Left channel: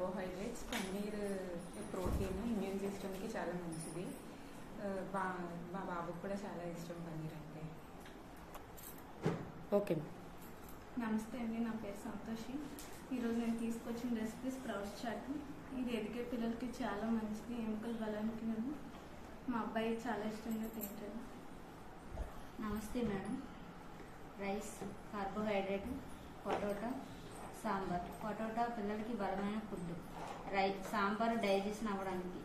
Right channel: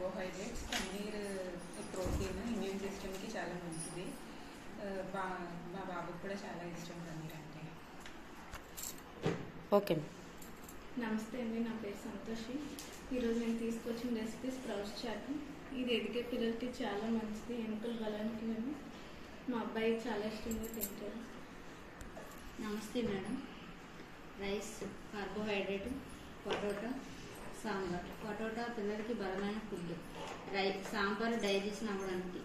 Carbohydrates, paneer protein, immune సిస్టమ్కి చాలా మంచిది. మా బాబుకి కూడా చాలా ఇష్టం పన్నీర్ అంటే. ఓకే. నమస్తే అండి, నా పేరు సంతోషి. ఈరోజు నేను తీసుకొచ్చిన రెసిపీ స్ప్రౌట్స్ చాట్. ఇది ఎదిగే పిల్లలకి చాలా మంచిది, ఎముకల బలానికి. మా అబ్బాయి చాలా ఇష్టంగా తింటారు. నమస్తే madam. Rice, carbohydrate, potato, sambar. Potato పిల్లలకి బలమైన ఫుడ్. సాంబార్ డైజెషన్ అవ్వడానికి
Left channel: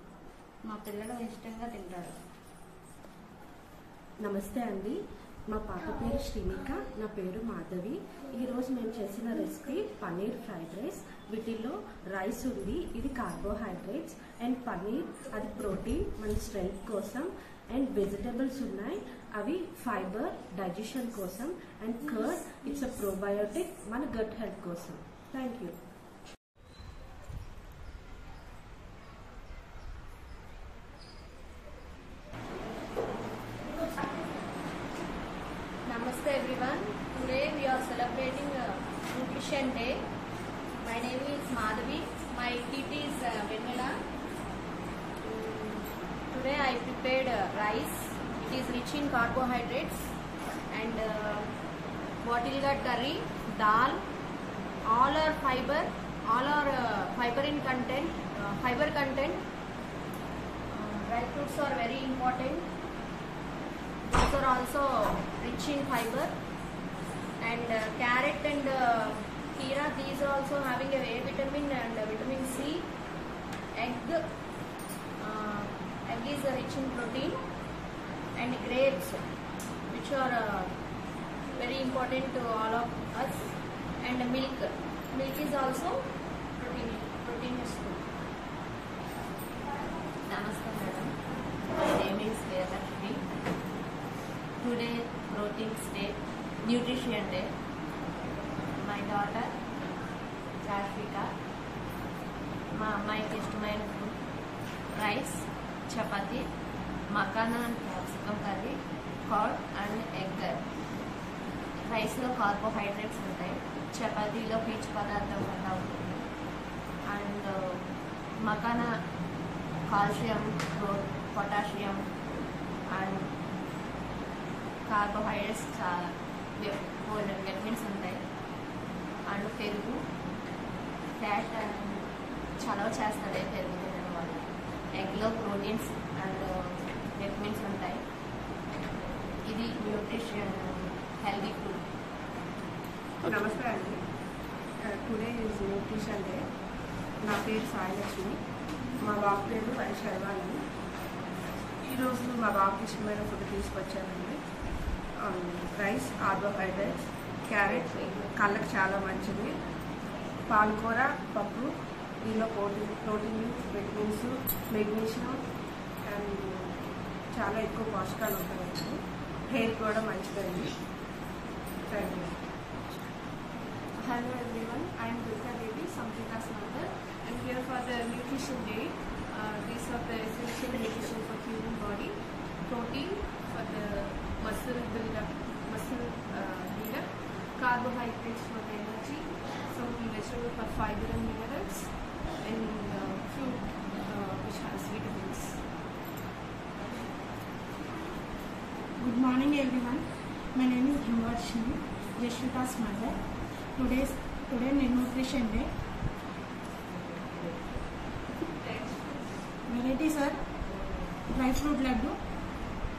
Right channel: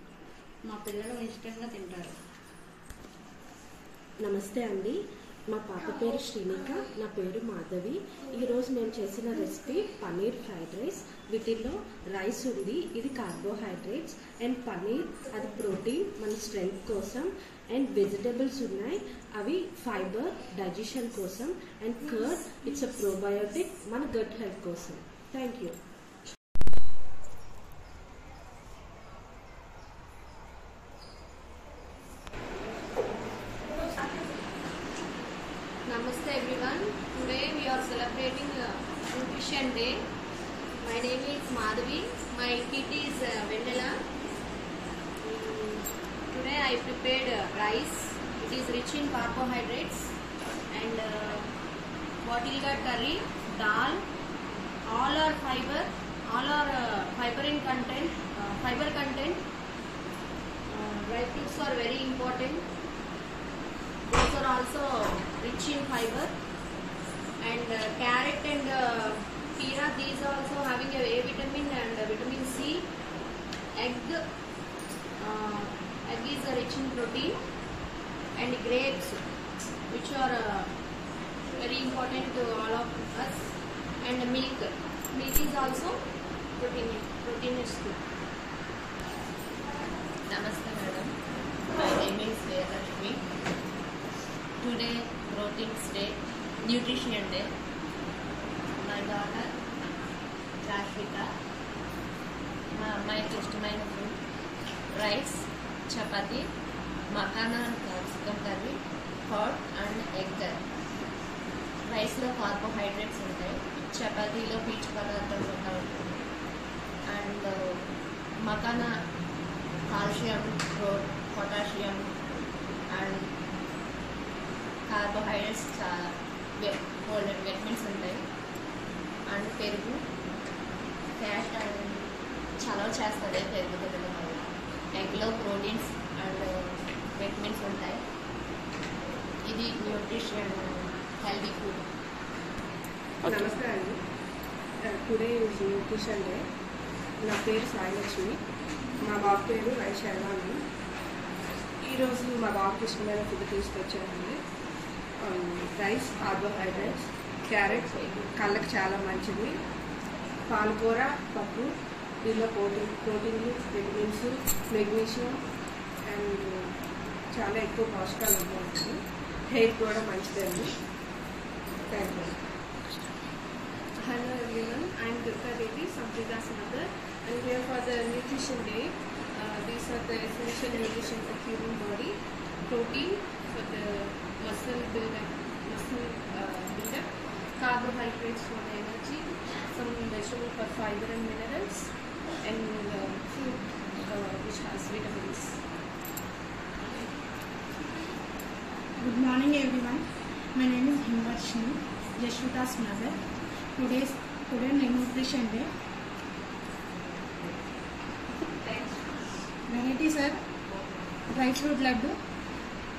మా పిల్లలు ఇష్టంగా తింటారు. నమస్తే అండి, మా పాప పేరు శ్రీనిక, నా పేరు మాధవి. ఈరోజు మేము చేసిన రెసిపీ పన్నీర్ ఫ్రైడ్ రైస్. వీటిల్లో రైస్ ఉంది, ఇది కార్బోహైడ్రేట్స్, అండ్ పన్నీర్ అది ప్రోటీన్ మన స్ట్రెంగ్త్ కోసం, అండ్ వెజిటబుల్స్ ఉన్నాయి, అవి ఫైబర్ డైజెషన్ కోసం, and curd it's a probiotic మన గట్ హెల్త్ కోసం. Thank you. Namaste everyone. Today we are celebrating Nutrition Day. My name is Madhavi. My PT is Vendela. Today I prepared rice. It is rich in carbohydrates, and bottle gourd curry, dal. All are fiber. All are fiber content. Dry fruits are very important. These are also rich in fiber, and carrot and peera, these are also having a vitamin and vitamin C. Egg is rich in protein, and grapes, which are very important to all of us, and milk is also proteinous food. Namaste madam, my name is Vedashmi. Today Proteins Day, Nutrition Day. My daughter Rashika, మా అమ్మాయికి ఇష్టమైన food rice, chapati, makhana capsicum curry, curd and egg curry. రైస్లో carbohydrates ఉంటాయి, చపాతీలో పీచు పదార్థం కూడా ఉంటుంది, and makhana calcium, potassium and carbohydrates చాలా విటమిన్స్ ఉంటాయి, అండ్ పెరుగు క్యాష్ అండ్ చలవ చేస్తుంది పెరుగు తినడం వల్ల. ఎగ్లో ప్రోటీన్స్ అండ్ విటమిన్స్ ఉంటాయి. ఇది న్యూట్రిషన్ హెల్దీ ఫుడ్. నమస్తే అండి, టుడే ఈజ్ న్యూట్రిషన్ డే. నా పేరు సాయిలక్ష్మి, మా బాబు పేరు వైశైవాణి. ఈరోజు మా బాబుకి ఇష్టమైన ఫుడ్ తీసుకొచ్చానండి. రైస్, కార్బోహైడ్రేట్స్, క్యారెట్ కళ్ళకి చాలా మంచిది, పాలకూర, పప్పు, దీనిలో ప్రోటీన్, విటమిన్స్, మెగ్నీషియం అండ్ చాలా ఎక్కువ పోషకాలు ఉంటాయి. హెయిర్ కూడా మంచిదండి. Thank you. Hello everyone, I am Durga Devi, Samjita's mother. I am here for the Nutrition Day. These are the essential nutrition for human body. Protein for the muscle build-up, carbohydrates for energy, some vegetable for fiber and minerals, and fruit which has vitamins. Good morning everyone. My name is Himvarshini, Yashvita's mother. Today Nutrition Day. Varieties are dry fruit laddu,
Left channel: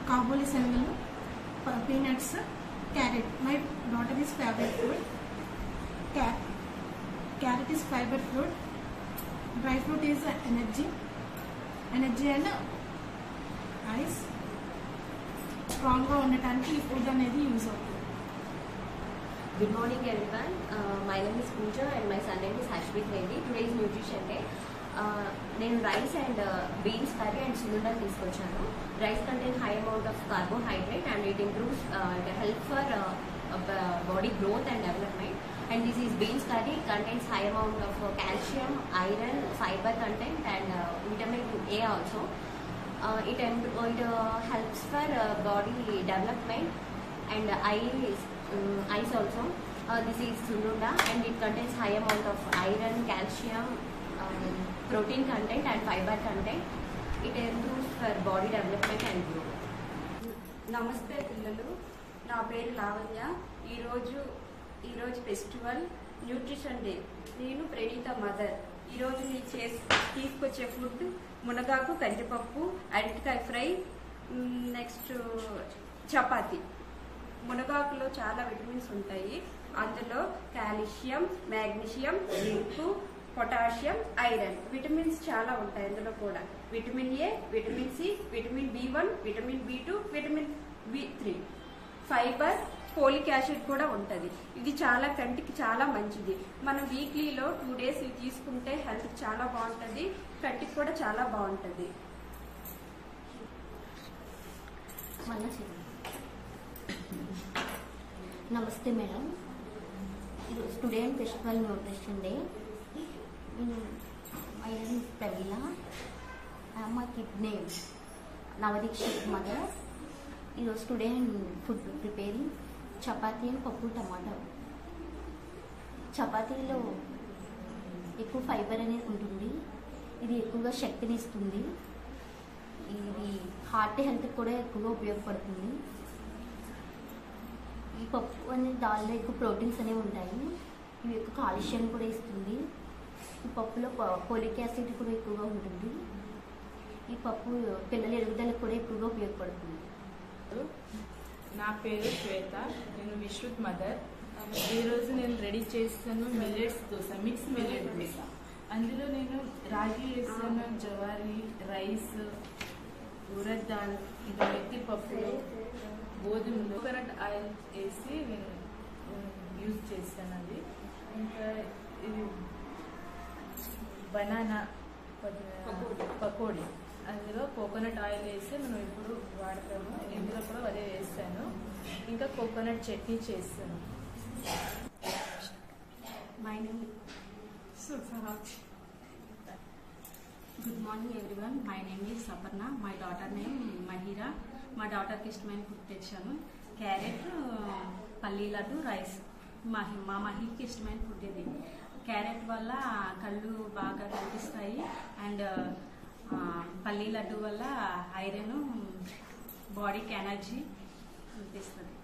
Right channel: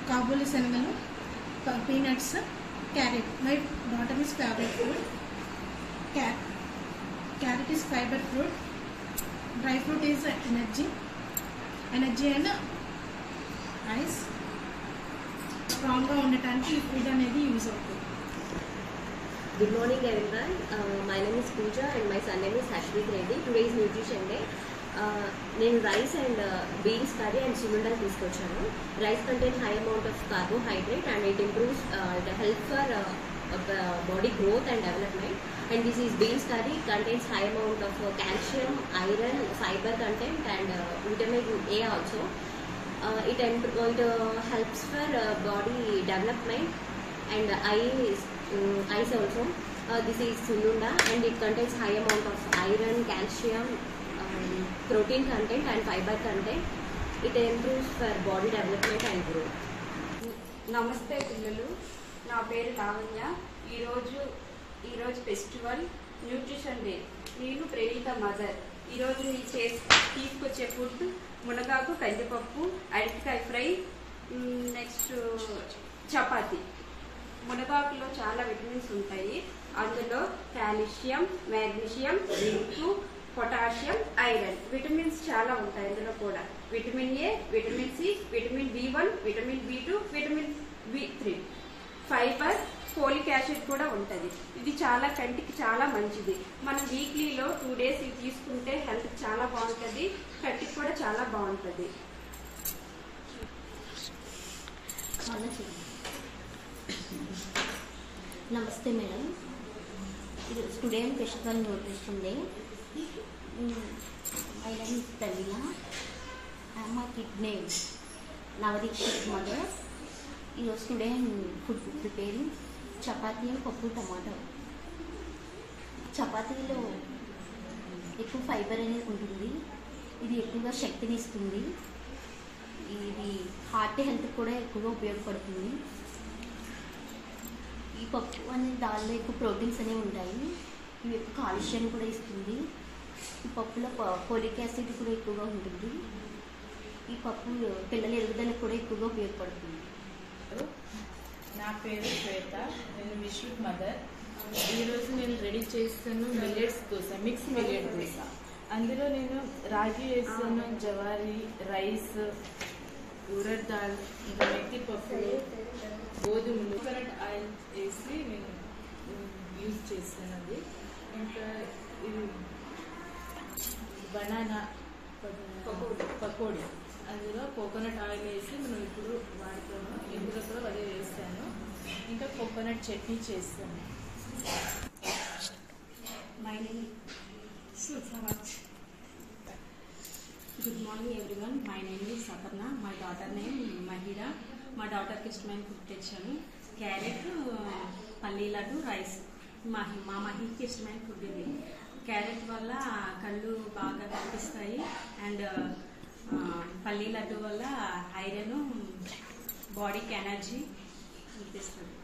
kabuli senvalu, peanuts, carrot. My daughter is favorite fruit. Carrot is fiber fruit. Dry fruit is energy and ice. Strong గా ఉండటానికి ఈ food అనేది use అవుతుంది. Good morning everyone. My name is Pooja and my son name is Hashvit Reddy. Today is Nutrition Day. నేను rice and beans curry and సున్నుండలు తీసుకొచ్చాను. Rice contains high amount of carbohydrate and it improves help for body growth and development. And this is beans curry, contains high amount of calcium, iron, fiber content and vitamin A also. It helps for body development and eyes also. This is sununda and it contains high amount of iron, calcium, protein content and fiber content. It improves for body development and growth. నమస్తే పిల్లలు, నా పేరు లావణ్య. ఈరోజు festival nutrition day. నేను Praneetha mother. ఈరోజు నేను తీసుకొచ్చే food మునగాకు కందిపప్పు, అరటికాయ ఫ్రై, నెక్స్ట్ చపాతి. మునగాకులో చాలా విటమిన్స్ ఉంటాయి. అందులో calcium, magnesium, zinc, potassium, iron vitamins చాలా ఉంటాయి. అందులో కూడా vitamin A, vitamin C, vitamin B one, vitamin B two, vitamin బి3, ఫైబర్, ఫోలిక్ యాసిడ్ కూడా ఉంటుంది. ఇది చాలా కంటికి చాలా మంచిది. మనం వీక్లీలో 2 days ఇవి తీసుకుంటే హెల్త్ చాలా బాగుంటుంది, కంటికి కూడా చాలా బాగుంటుంది. నమస్తే madam. Today festival nutrition day. My name is Pravina. I am my kid name Navadikshit mother. Today I am food preparing chapati and పప్పు టమాటో. చపాతీలో ఎక్కువ ఫైబర్ అనేది ఉంటుంది. ఇది ఎక్కువగా శక్తిని ఇస్తుంది. ఇది హార్ట్ హెల్త్ కూడా ఎక్కువగా ఉపయోగపడుతుంది. ఈ పప్పు అనేది దానిలో ఎక్కువ ప్రోటీన్స్ అనేవి ఉంటాయి. ఇవి ఎక్కువ కాల్షియం కూడా ఇస్తుంది. ఈ పప్పులో ఫోలిక్ యాసిడ్ కూడా ఎక్కువగా ఉంటుంది. ఈ పప్పు పిల్లల ఎదుగుదలకు కూడా ఎక్కువగా ఉపయోగపడుతుంది. నా పేరు శ్వేత. నేను విశ్రుత్ మదర్. ఈరోజు నేను రెడీ చేస్తాను millets dosa, mix millet dosa. అందులో నేను రాగి వేస్తాను, జవారీ, రైస్, ఉరద్ దాల్, ఇంకా మెత్తి పప్పులు, గోధుమలు, కోకోనట్ ఆయిల్ వేసి నేను యూజ్ చేస్తాను. అది ఇంకా ఇది బనానా పకోడీ, అందులో కోకోనట్ ఆయిల్ వేసి నేను ఇప్పుడు వాడతాను. ఇందులో కూడా అదే వేస్తాను. ఇంకా కోకోనట్ చట్నీ చేస్తాను. My name Sudharaj. Good morning everyone. My name is Saparna. My daughter name Mahira. మా డాటర్కి ఇష్టమైన ఫుడ్ తెచ్చాము. క్యారెట్, పల్లీ లడ్డు, రైస్. మా మహికి ఇష్టమైన ఫుడ్ ఇది. క్యారెట్ వల్ల కళ్ళు బాగా కనిపిస్తాయి అండ్ పల్లీ లడ్డు వల్ల ఐరన్, బాడీకి ఎనర్జీ అనిపిస్తుంది.